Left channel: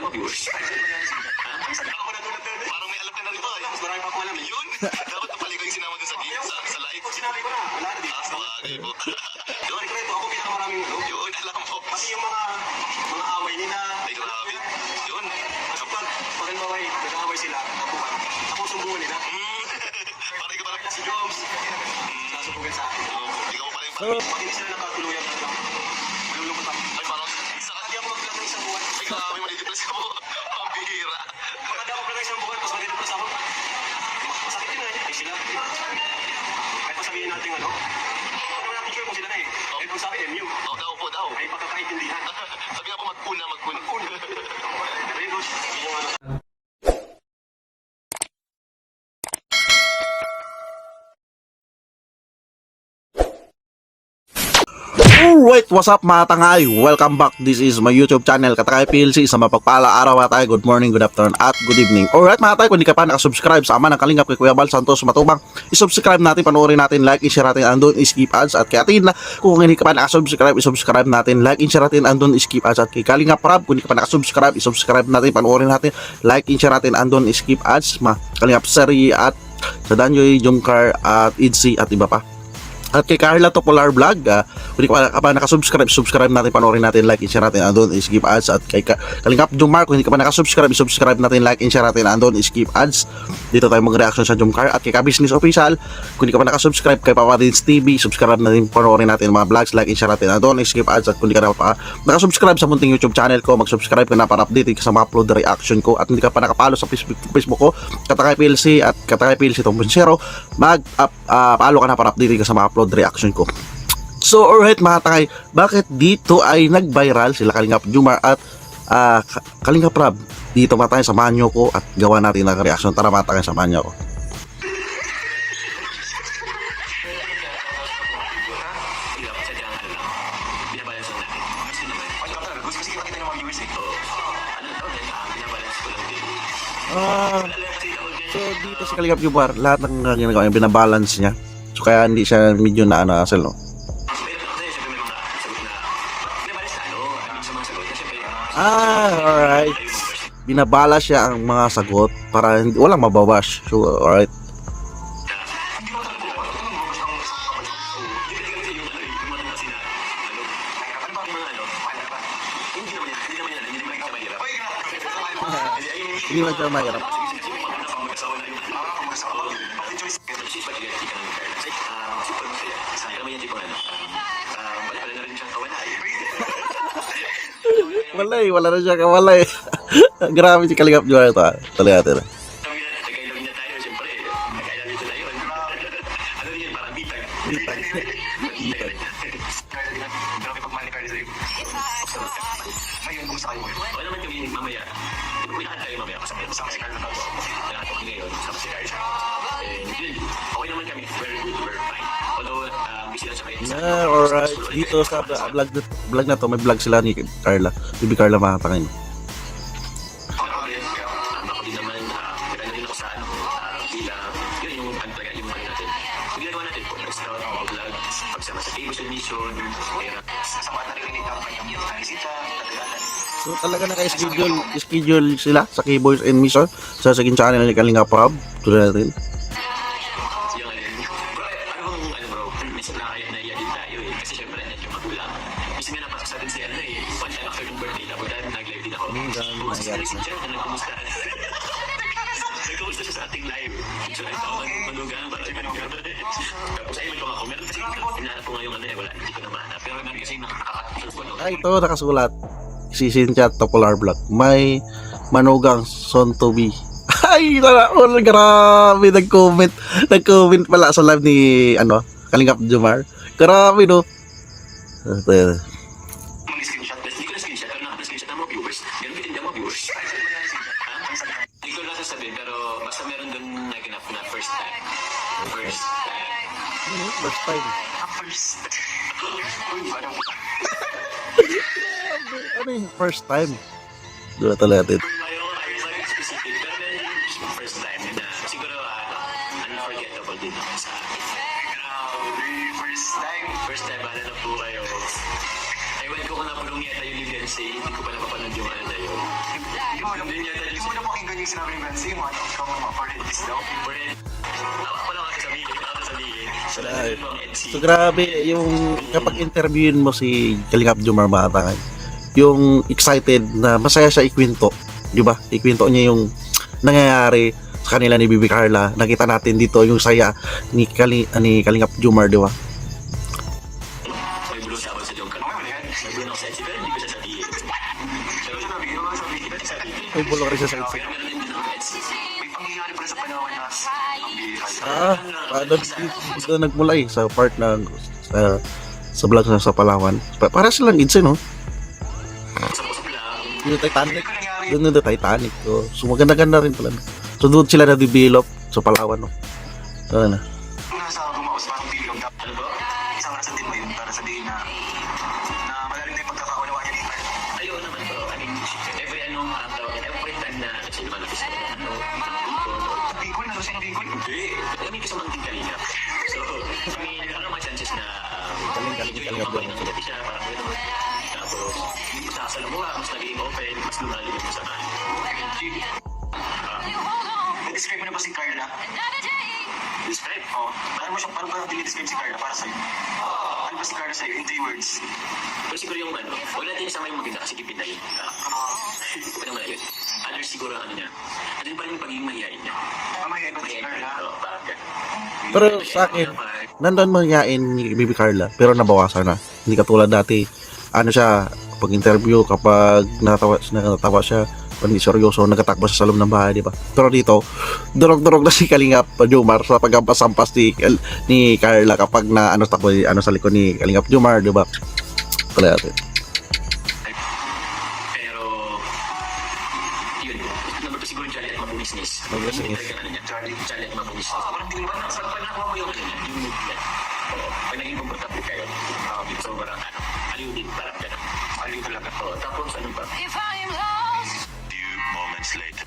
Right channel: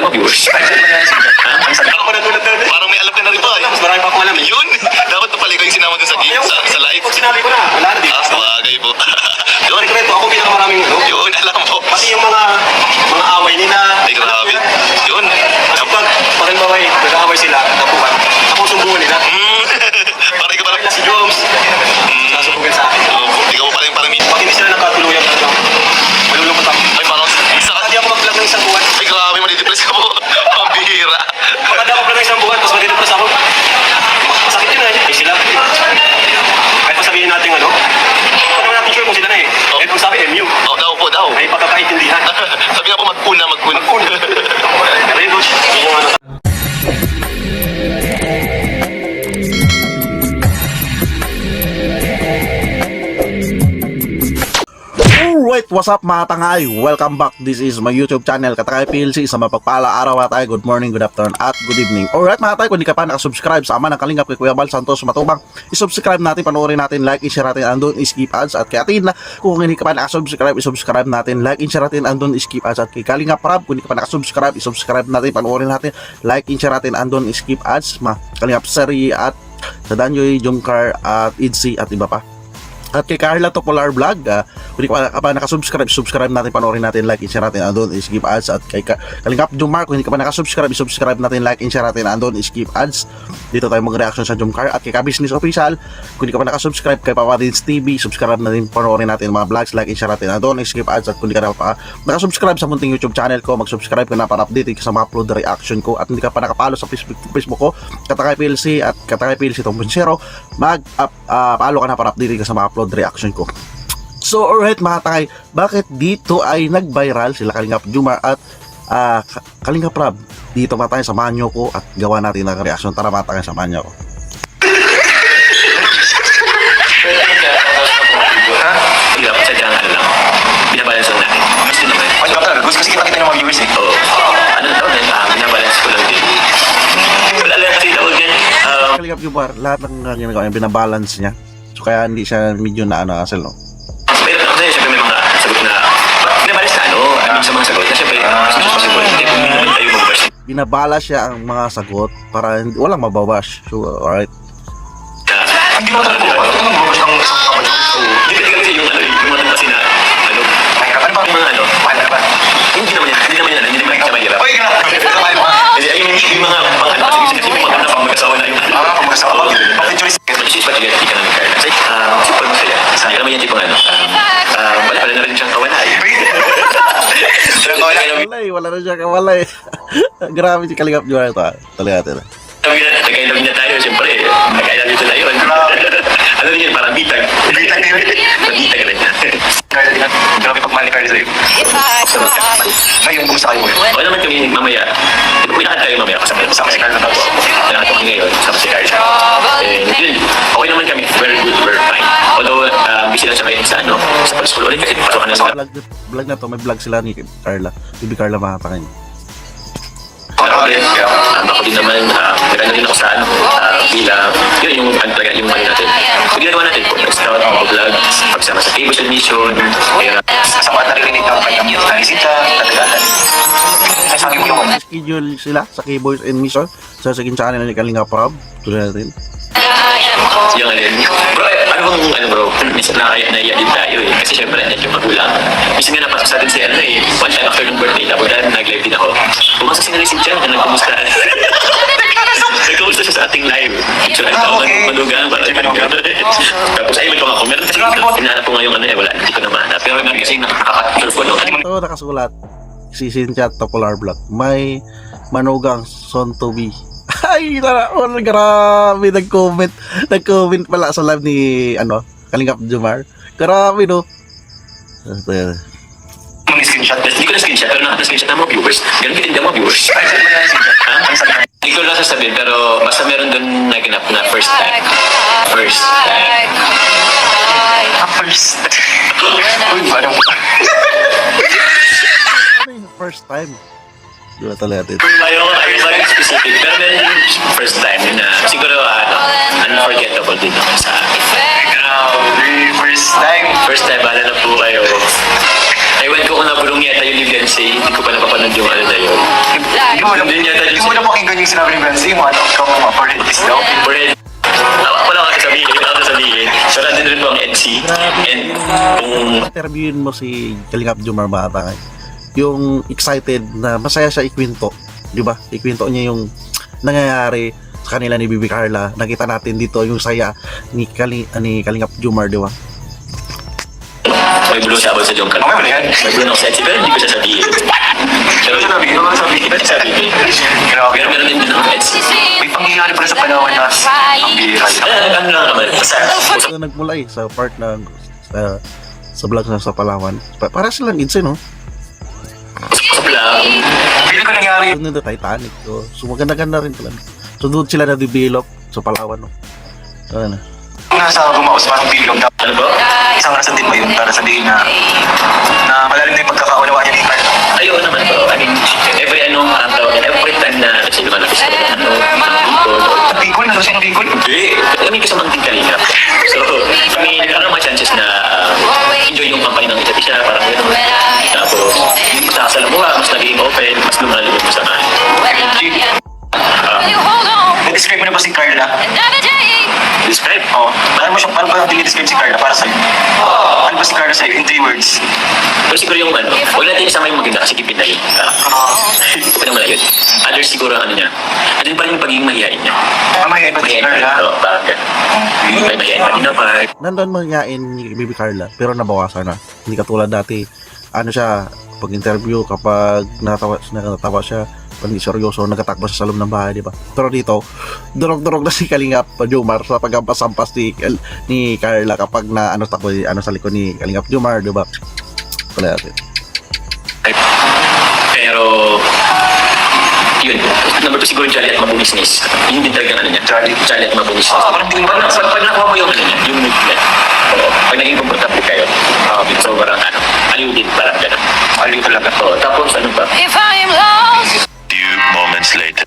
ng mga viewers. Ang sabi ko na tulad doon. Parang may alam ka na rin ba? Mas marami pa akong alam eh. Yun! Dapat na pala ikaw yung sinama dun sa game, sa live. Pag sinabi ko na, wala na dito. Sabagay po. Yun, Kwento, ako pinakamaraming ano. yun, alam mo. Pati yung mga away nila. Ay, grabe. Yun. Kapag pakilmaway, nag-aaway sila, tapuan. Ako sumbungan nila. Parang ikaw parang... Kaya si Joms, nasubugan sa akin. Ikaw pa parang Pag hindi sila nakatuluyan talaga, malulungkot ako. ay, parang... Isa ka... Hindi ako mag-vlog ng isang buwan. Ay, grabe, madidepress ka po. Pambihira. Kapag ako mag-vlog ng isang buwan, tapos madidepress ako. Masakit yun eh. Eh sila. Kahit pa sabihin natin ano, hindi naman natin sure kung sila na eh. Eh kung sabi MU, Oh, daw po, daw. ay pagkakaintindihan. Sabi nga po, magpuna. Mag-un. Pero yun, Coach, yun yung ano. Alright, what's up mga tangay? Welcome back. This is my YouTube channel, Katangay PLC. Sa mapagpala araw tayo. Good morning, good afternoon, at good evening. Alright mga tayo, kung hindi ka pa nakasubscribe sa ama ng Kalingap kay Kuya Bal Santos Matubang, isubscribe natin, panoorin natin, like, i-share natin, andun, skip ads. At kay Atin, kung hindi ka pa nakasubscribe, isubscribe natin, like, i-share natin, andun, skip ads. At kay Kalingap Rab, kung hindi ka pa nakasubscribe, isubscribe natin, panoorin natin, like, i-share natin, andun, skip ads. Kalingap Seri at sa Danjoy, Jungkar, at Idsi, at iba pa. At kay Carla Topolar Vlog, kung hindi ka pa nakasubscribe, subscribe natin, panoorin natin, like, and share natin, andun, skip ads. At kay Kalingap Jumar, kung hindi ka pa nakasubscribe, subscribe natin, like, and share natin, andun, skip ads. Dito tayo mag-reaction sa Jumcar. At kay Ka-Business Official, kung hindi ka pa nakasubscribe, kay Papadins TV, subscribe natin, panoorin natin mga vlogs, like, and share natin, andun, skip ads. At kung hindi ka pa nakasubscribe sa munting YouTube channel ko, mag-subscribe ka na para update ka sa mga upload reaction ko. At hindi ka pa nakapalo sa Facebook ko, Katangay PLC at Katangay PLC 2.0, mag-follow ka na para update ka sa mga upload reaction ko. So alright mga tangay, bakit dito ay nag-viral sila Kalingap Jumar at Kalingap Rab? Dito mga tangay, samahan nyo ko at gawa natin ang reaction. Tara mga tangay, samahan nyo ko. Hindi dapat sadya nga lang. Binabalance lang natin. Gusto naman. Ay, Kapta, gusto kasi kita ng mga viewers eh. Oo. Ano daw din? Binabalance ko lang din. Wala lang kasi daw din. Kalingap Jumar, lahat ng ginagawa niya, binabalance niya. So kaya hindi siya medyo na asal, no? Meron ako sa'yo, siyempre may mga sagot na binabalance na sa mga sagot na siyempre ayaw mag-bash. Binabala siya ang mga sagot para hindi, walang mababash. So alright. Hindi mo talaga po. Ano mo gusto ng isang kapatid? Hindi kasi yung mga kasi na May kapatid pa. yung mga Mahal ka ba? hindi naman siya mahirap. Uy, grabe. Kasi yung mga kasi may mga pang mag-asawa na yung Kung mag-asawa. Bakit choice? She's but you ka namin Carla. Kasi super masaya. Hindi naman yan tipong wala na rin siyang kawanay. Wala na siya kawalay. Grabe si Kalingap Jumar ito. Talaga natin. Nagkailaw niya tayo, siyempre. Nagkailaw niya tayo. Ano rin yun, parang bitag. Bitag na yun. Bitag rin. Grabe pagmahal ni Carla sa'yo. Ngayon, kumusta kayo? O naman kami mamaya. Pinakad tayo mamaya kasama si Carla tapos. Pinakad ko ngayon, kasama si Carla. Yun, okay naman kami. Very good, very fine. Although, busy lang siya ngayon sa sa school ulit kasi pasok na sa Vlog na to, may vlog sila ni Carla. Bibi Carla mga tangay. Ako din naman, nagano din ako sa bilang, yun yung talaga yung ano natin. So ginagawa natin po, nag-start ako vlog, pagsama sa cable mission, Sa mga naririnig ng kanyang naisita, natagalan. Schedule sila sa Keyboards and Mission sa second channel ni Kalingap Rab. Tuloy natin. yung bro, bro, minsan naiya din tayo eh. Kasi syempre, net yung magulang. Minsan nga napasok sa atin si one time after ng birthday, tapos nag-live din ako. Pumasok si Nalisin siya, nagkumusta. Nagkumusta siya sa ating live. So, manugang, parang tapos ay, may pang ako. Meron kasi hinahanap ko ngayong wala, hindi ko na mahanap. Pero nga kasi nakaka-surf ko, no? Ito nakasulat. Si Cynthia Topolar Vlog. May manugang son to be. Ay, grabe, nag-comment pala sa live ni Kalingap Jumar. Grabe, no? Mga screenshot. Hindi ko na screenshot, pero nakaka-screenshot ng mga viewers. Ganun din ang mga viewers. Hindi ko lang sasabihin, pero basta meron doon naganap na first time. First time. First. Uy, parang... Ano yung first time? Diba talaga natin? Ayaw maging specific, pero meron yung first time yun na siguro unforgettable din naman sa akin. Grabe, first time. First time, bahala na po kayo. Ewan ko kung nabulong yata yung Livian Say, hindi ko pa napapanood yung ano na yun. Hindi niya tayo Hindi mo na pakinggan yung sinabi ni Benzi, yung ano, ikaw mga parentis daw. Bread. Wala ka sasabihin, wala ka sasabihin. So, nandun rin po ang NC. Grabe And yung kung interviewin mo si Kalingap Jomar Matangay. Yung excited na masaya siya ikwento, di ba? Ikwento niya yung nangyayari sa kanila ni Bibi Carla. Nakita natin dito yung saya ni Kalingap Jomar, di ba? may bulong sabon sa Jomcar. Mamaya mo na yan. May bulong ako sa NC, pero hindi ko sasabihin. Pero Ano sabi? Hindi ko sasabihin. Grabe. Pero meron din din ako NC. May pangyayari pala sa panahon na ang bihira. Ano lang naman. Basta, So, nagmula sa part na sa vlog na sa Palawan. Para silang idse, no? usap lang. Hindi ko nangyari. Doon na Titanic. So maganda-ganda rin pala. So doon sila na-develop sa Palawan, no? Ano? Nasa bumaos parang bilog na Ano ba? isang rason din ba yun para sabihin na malalim na yung pagkakaunawaan niya ni Carl. Ayaw naman bro. I mean, every every time na kasi lumalapis ka Bicol na siya ng Bicol. hindi. Kami kasamang din kanina. So, kami nagkaroon ng mga chances na enjoy yung kampanya ng isa't isa. Parang gano'n. Tapos, mas nakasalamuha, mas naging open, mas lumalim yung samahan. Na-describe mo na ba si Carla? Describe. Oo. Paano ba dinidescribe si Carla para sa'yo? Ano ba si Carla sa'yo in 3 words? Pero siguro yung huwag natin isama yung maganda kasi kipid na yun. Ano mo na yun? Others siguro ang ano niya. Andun pa rin yung pagiging mahihain niya. Mamaya iba si Carla. Oo, parang gano'n. May mahihain pa rin na part. Nandun manyain ni Bibi Carla, pero nabawasan na. Hindi katulad dati. Ano siya, pag interview, kapag natawa siya, pag seryoso, nagtatakbo siya sa loob ng bahay, di ba? Pero dito, durog-durog na si Kalingap Jomar sa pagkampas-ampas ni Carla kapag na takbo sa likod ni Kalingap Jomar, di ba? Pala natin. Pero, yun. Number 2 siguro Jolly at mabunisnis. Yun din talagang ano niya. Jolly at mabunisnis. Parang hindi mo Pag nakuha mo yung ano niya, yung movement. Pag naging komportable kayo, sobrang aliw din, parang gano'n. aliw talaga. Tapos ano ba? If I am lost, Few moments later.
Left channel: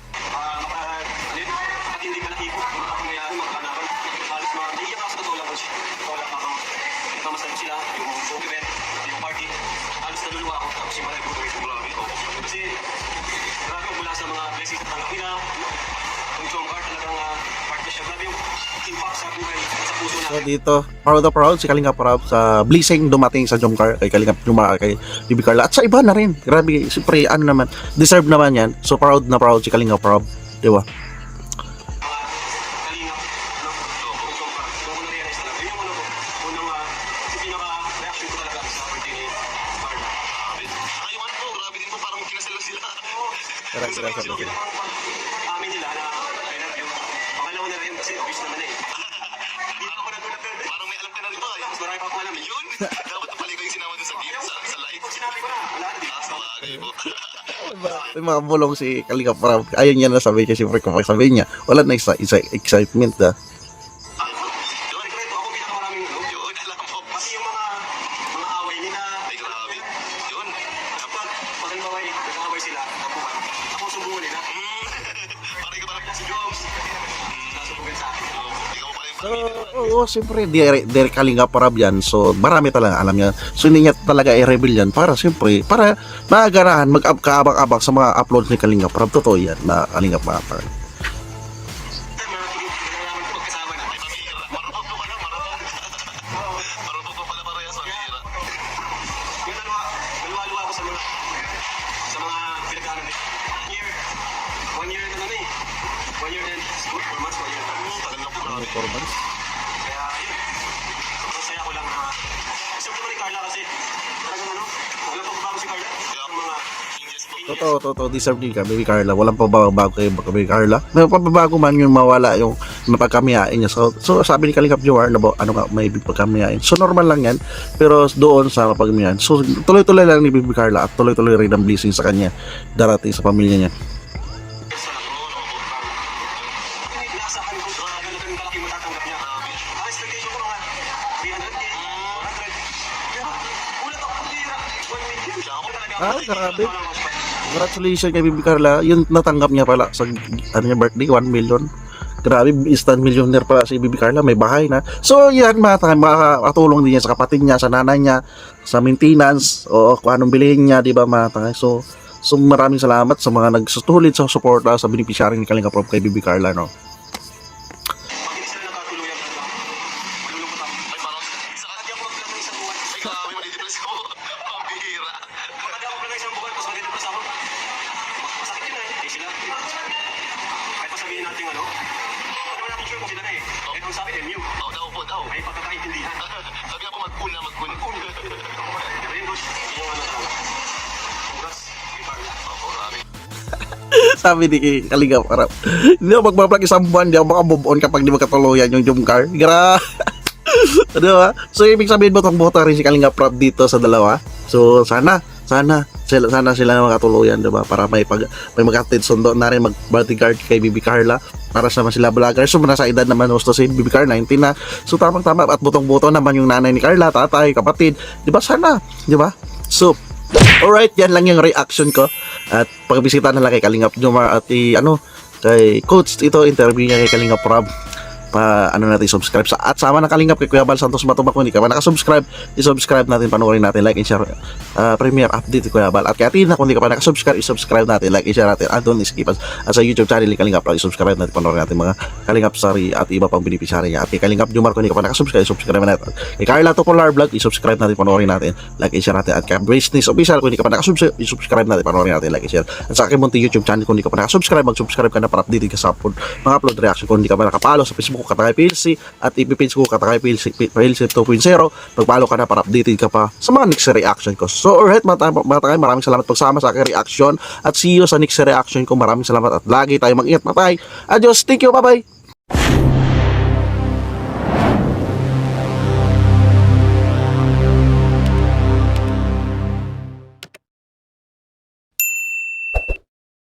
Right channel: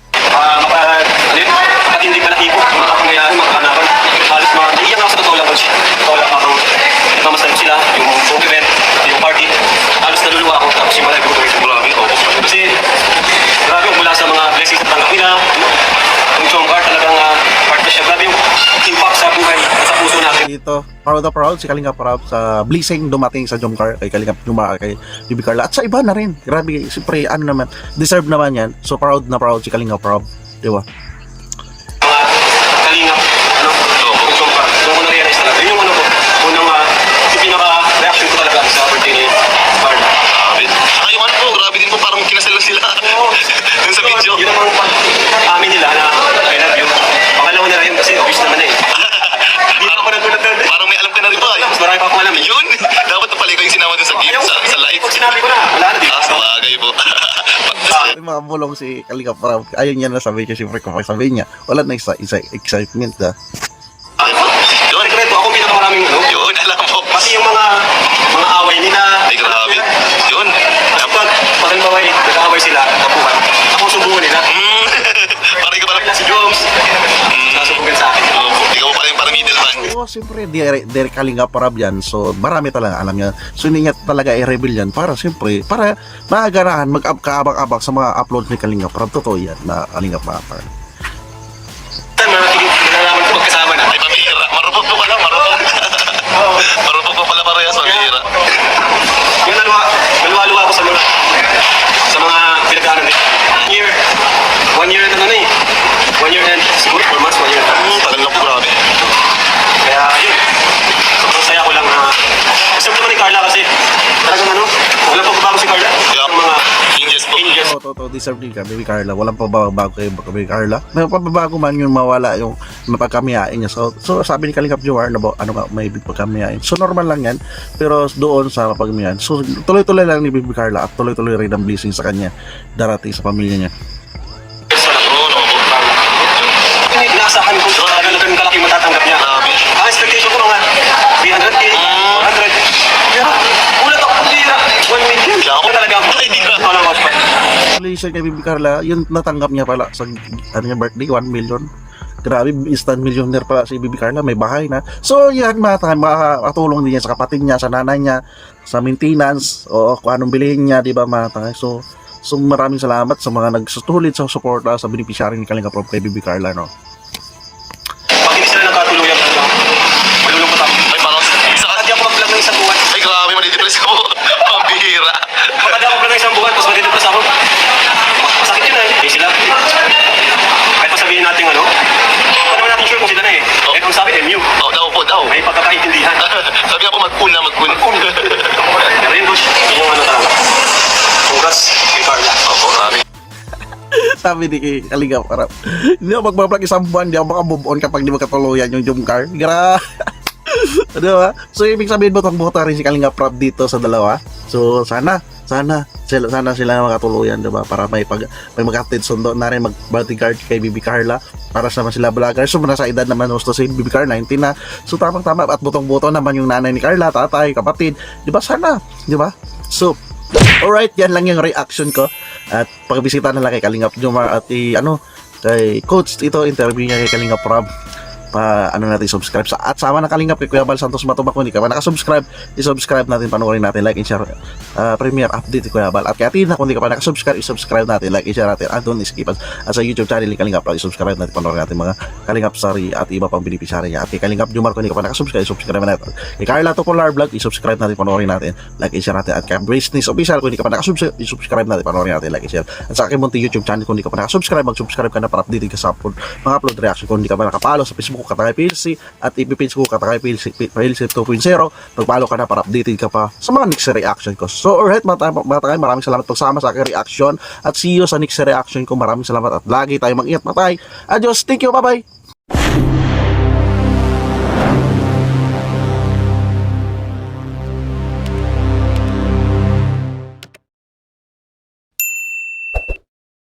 Hindi pa nakipo. Mga pangyayari, magkanapan. Halos mga, iyan ako sa totoo lang, coach. Totoo lang ako. Nagmamasdan sila, yung home event, yung party. Halos naluluwa ako. Tapos yung mga nag-group sa Bulaki. Kasi, grabe yung mula sa mga blessings at tanggap nila. Yung Jomcar talagang part na siya. Grabe yung impact sa buhay at sa puso natin. Dito, proud si Kalingap Rob sa blessing dumating sa Jomcar kay Kalingap Jomar, kay Bibi Carla at sa iba na rin. Grabe, siyempre ano naman, deserve naman yan. So proud na proud si Kalingap Rob, di ba? Kalingap, yung Jomcar. Doon ko na-realize talaga. Yun yung ano ko, unang yung pinaka-reaction ko talaga sa birthday ni Carla. Saka yung ano po, grabe din po, parang kinasal na sila. Yung sa video. Yun ang amin nila na I love you. Pangalawa nila yun kasi obvious naman eh. Hindi ako nagulat doon. Parang may alam ka na rin ba? Mas marami pa akong alam eh. Yun! Dapat na pala ikaw yung sinama dun sa game, sa live. Pag sinabi ko na, wala na dito. Sa bagay po. May mga bulong si Kalingap Rob. Ayun niya na sabi niya, siyempre kapag sabi niya, wala na excitement Yun, Sekreto, ako pinakamaraming ano. yun, alam mo. Pati yung mga away nila. Ay, grabe. Yun. Kapag halimbawa nag-aaway sila, kapuhan, ako ang sumbungan nila. Parang ikaw parang, Kaya si Joms, nasubugan sa akin. ikaw pa rin parang middleman. Oo, siyempre, Derek Kalingap Rob yan. So, marami talaga alam niya. So, hindi niya talaga i-reveal yan para, siyempre, para magaganahan, mag-kaabang-abang sa mga uploads ni Kalingap Rob. Totoo yan na Kalingap Rob. Nalalaman ko magkasama na. Ay, pamihira. Marupok po pala, marupok. Marupok po pala parehas, pamihira. Yung naluwa ako sa mga pinag-aaral eh. 1 year na eh. 1 year and siguro 4 months, 1 year and Tagal na po, grabe. Kaya yun, sobrang saya ko lang na gusto naman ni Carla kasi talagang wala pa bago si Carla. Yung mga Changes po. changes. Totoo, deserve din ka, Baby Carla. Walang pababago kay Baby Carla. May pababago man yung mawala yung mapagkamiyain niya. So sabi ni Kalingap Jomar, may pagkamiyain. So normal lang yan. Pero doon sa pagkamiyain. So tuloy-tuloy lang ni Baby Carla at tuloy-tuloy rin ang blessing sa kanya darating sa pamilya niya. Inaasahan ko na ganun kalaki matatanggap niya. Ang expectation ko nga 300K, 400. Ulat ako kung 1 million. Ako talaga ako. Congratulations kay Baby Carla. Yun natanggap niya pala sa birthday, 1 million. Grabe, instant millionaire pala si Baby Carla. May bahay na. So yan, makatulong din niya sa kapatid niya, sa nanay niya. sa maintenance o kung anong bilhin niya, di ba mga tangay. So maraming salamat sa mga nagsusulit sa suporta sa beneficiary ni Kalinga Prab kay Bibi Carla, no. Pag hindi sila nagkatuluyan talaga, malulungkot ako. Ay, parang isa ka. Hindi ako mag-vlog ng isang buwan. Ay, grabe, madidepress ka po. Pambihira. Kapag ako vlog ng isang buwan, tapos madidepress ako. Masakit yun eh sila. Kahit pa sabihin natin ano naman natin sure kung sila na eh. Eh kung sabi MU, Oh, daw po, daw. may pagkakaintindihan. Sabi nga po, mag-cool na, mag-cool. Pero yun, Bush, yun yung ano talaga. Congrats kay Carla. Opo, grabe. Sabi ni Kalinga Prab, hindi ako magbablog isang buwan, hindi ako makamove on kapag di magkatuluyan yung Jumcar. Ano ba? So ibig sabihin mo itong bota rin si Kalinga Prab dito sa dalawa. So sana sila makatuluyan, diba? Para may magkatid sundo na rin mag-bodyguard kay Bibi Carla para sa sila vlogger. So nasa edad naman gusto si Bibi Carla 19 na. So tamang-tama at butong-buto naman yung nanay ni Carla, tatay, kapatid. Diba sana? Diba? So alright, yan lang yung reaction ko. At pagbisita na lang kay Kalingap Jomar at kay Coach ito, interview niya kay Kalingap Prab. Natin subscribe at sama na Kalingap kay Kuya Bal Santos Matubak. Kung hindi ka pa nakasubscribe, i-subscribe natin, panoorin natin, like and share premiere update Kuya Bal. At kaya Tina, kung hindi ka pa nakasubscribe, i-subscribe natin, like and share natin, and don't skip us sa YouTube channel ni Kalingap Prab, i-subscribe natin, panoorin natin mga Kalingap Sari at iba pang beneficiary niya. At kay Kalingap Jomar, kung hindi ka pa nakasubscribe, i-subscribe natin. Kay Carla Tupolar Vlog, i-subscribe natin, panoorin natin, like and share natin. At kay Braceness Official, kung hindi ka pa nakasubscribe, i-subscribe natin, panoorin natin, like and share. At sa aking munti YouTube channel, kung hindi ka pa nakasubscribe, mag-subscribe ka na para updated ka sa mga upload reaction. Kung hindi ka pa nakapalo sa Facebook ko, Katangay PLC, at ipipage ko Katangay PLC 2.0, pagpalo ka na para updated ka pa sa mga next reaction ko. So alright mga Katangay, maraming salamat pagsama sa aking reaction at see you sa next reaction ko. Maraming salamat at lagi tayo mag-ingat, matay. Adios, thank you, bye bye.